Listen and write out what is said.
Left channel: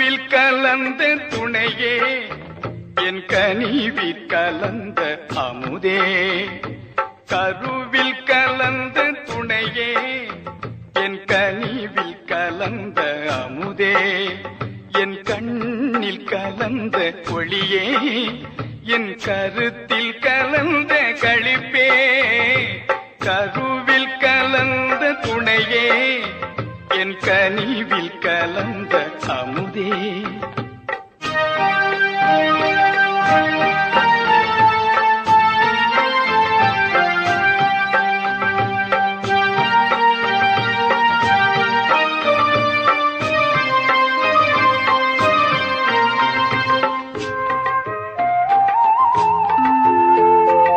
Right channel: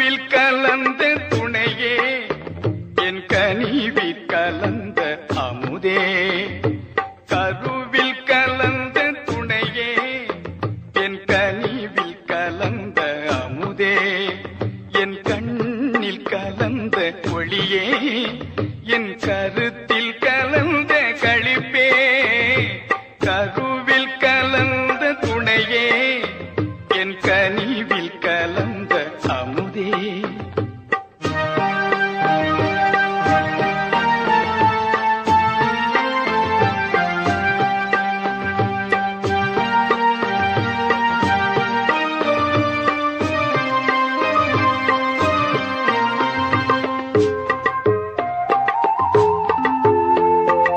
கருவில் கலந்த துணையே என் கனிவில் கலந்த அமுதே கருவில் கலந்த துணையே என் கனிவில் கலந்த அமுதே என் கண்ணில் கலந்த ஒளியே என் கருத்தில் கலந்த களிப்பே கருவில் கலந்த துணையே என் கனிவில் கலந்த அமுதே